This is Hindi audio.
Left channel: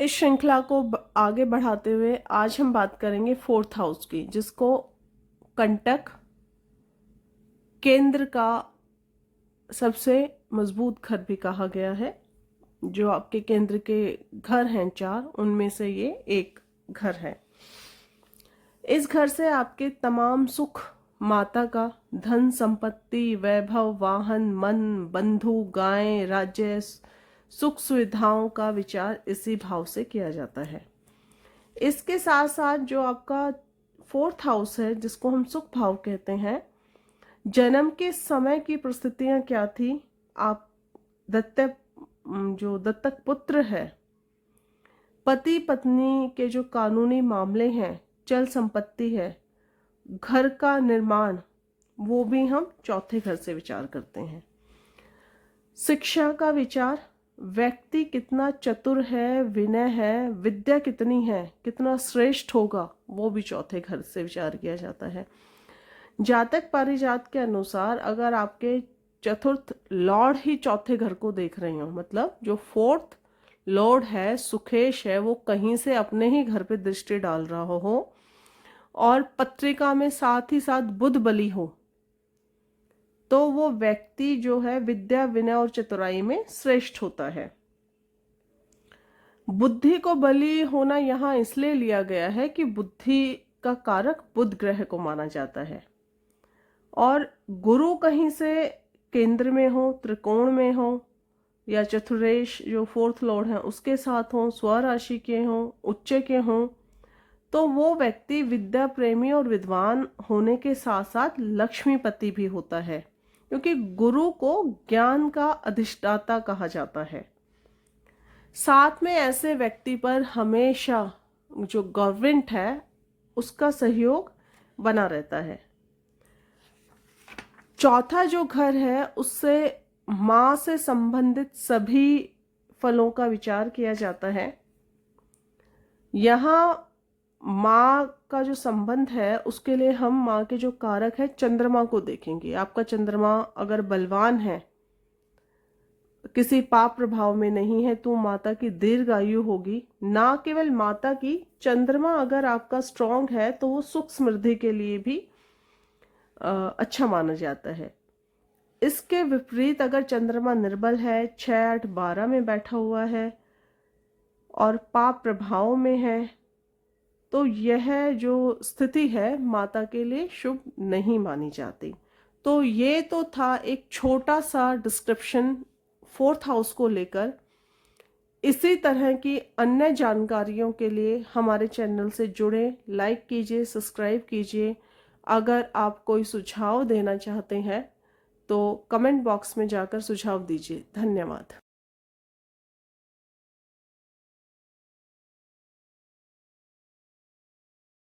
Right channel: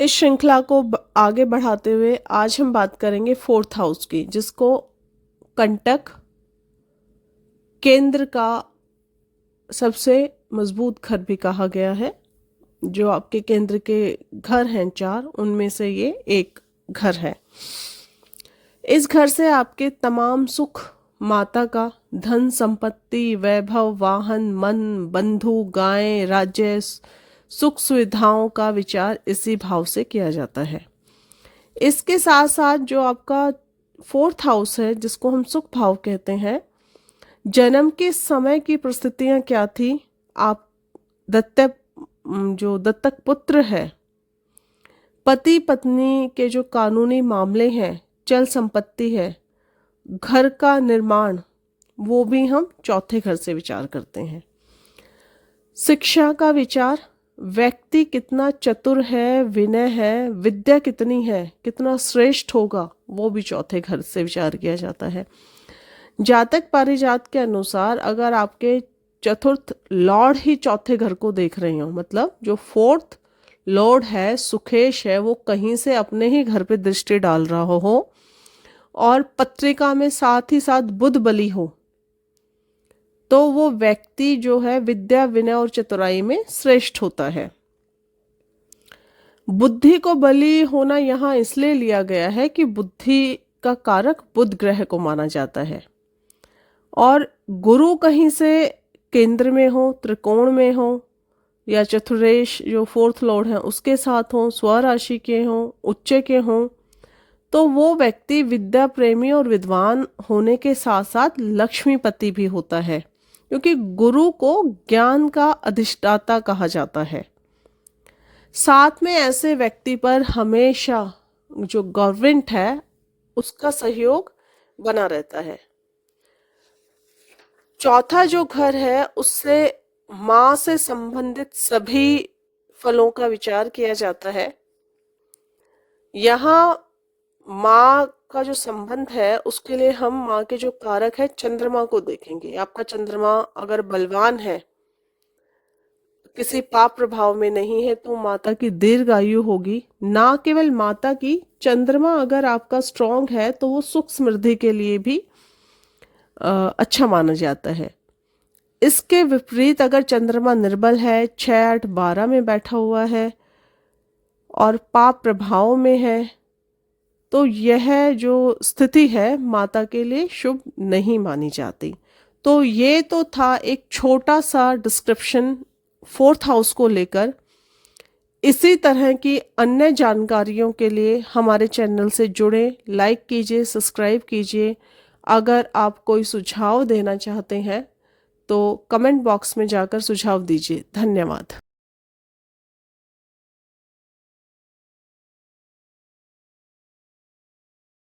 इस श्रृंखला को आगे बढ़ाते हुए आज हम बात करेंगे फोर्थ हाउस की, जिसको कंटक केंद्र का सबसे मजबूत घर भी कहा गया है। जो आपके केंद्र के घर हैं 4, उनमें से ये एक घर है। इस घर से आपके तमाम सुख, माता का धन संपत्ति, वैभव, वाहन, मन, बंधु, गाय, राज्य, सुख सुविधाओं का विचार इसी भाव से किया जाता है। इसके साथ साथ जो आपका फोर्थ हाउस है, जिसको हम सुख भाव कहते हैं, जन्म के समय की परिस्थितियां क्या थी, आप दत्तक जो दत्तक पुत्र है, पति पत्नी के जो कानूनी मामले हैं, चल संपत्ति है, घर का निर्माण, वो भी हम चौथे घर से विचार करते हैं। शिक्षा का विचार, व्यक्ति कितना चतुर है, विनय है, विद्या कितनी है, कितना श्रेष्ठ होगा, वो भी चौथे घर से विचार किया जाता है। जातक पारिजात के अनुसार अगर आपके चतुर्थ लॉर्ड ही चौथे घर को देख रहे हो, मतलब जो फोर्थ लॉर्ड है, सुखेश है, वो कहीं से अपने ही घर पे दृष्टि डाल रहा हो और पत्रिका में साथ ही साथ बुध बली हो, तो वो व्यक्ति जो है विद्या, विनय और चतुराई में श्रेष्ठ होता है। बुद्धि को बली होना यहाँ इसलिए लिया गया है कि बुद्धि का कारक बुध ग्रह को माना जाता है, और गुरु कहीं से केंद्र में हो, त्रिकोण में हो, या चतुरेश जो फोर्थ लॉर्ड है उसके साथ हो, स्वराशि के हो, उच्च के हो, तो वो व्यक्ति विद्या प्रेमी और विद्वान होने के साथ साथ लक्ष्मीपति भी होता है, क्योंकि गुरु को ज्ञान का अधिष्ठाता कहा जाता है। साथ में ऐसे व्यक्ति पर हमेशा जो गवर्नमेंट है उसका सहयोग बना रहता है। चौथा जो घर है उससे माँ से संबंधित सभी फलों का विचार किया जाता है। यहाँ माँ का जो संबंध है उसके लिए हम माँ के जो कारक है चंद्रमा को देखेंगे। आपका चंद्रमा अगर बलवान है, किसी पाप प्रभाव में नहीं है, तो माता की दीर्घायु होगी। ना केवल माता की, चंद्रमा अगर आपका स्ट्रांग है तो वो सुख समृद्धि के लिए भी अच्छा माना जाता है। इसके विपरीत अगर चंद्रमा निर्बल है, 6, 8, 12 में बैठा हुआ है और पाप प्रभाव में है, तो यह जो स्थिति है माता के लिए शुभ नहीं मानी जाती। तो ये तो था एक छोटा सा डिस्क्रिप्शन फोर्थ हाउस को लेकर। इसी तरह की अन्य जानकारियों के लिए हमारे चैनल से जुड़े, लाइक कीजिए, सब्सक्राइब कीजिए। अगर आप कोई सुझाव देना चाहते हैं तो कमेंट बॉक्स में जाकर सुझाव दीजिए। धन्यवाद।